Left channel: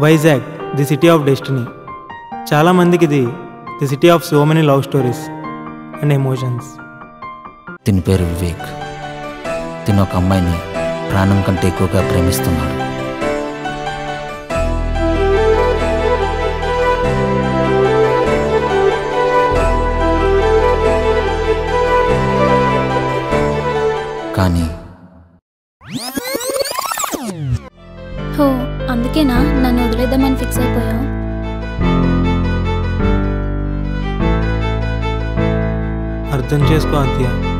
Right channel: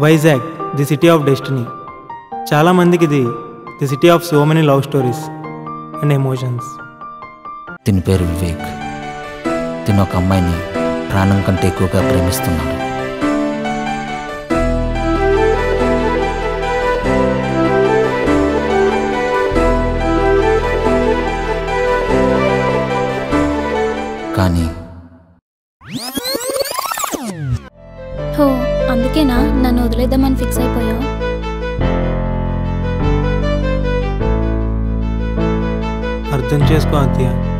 Vizag the city of destiny. చాలామందికి ఇది the city of so many love stories and emotions. దీని పేరు వివేక్. తిను ఒక అమ్మాయిని ప్రాణం కంటే ఎక్కువగా ప్రేమిస్తున్నాడు. కానీ హో, అందుకేనా నన్ను వదిలేద్దామని ఫిక్స్ అయిపోయావు? అర్థం చేసుకో అత్య.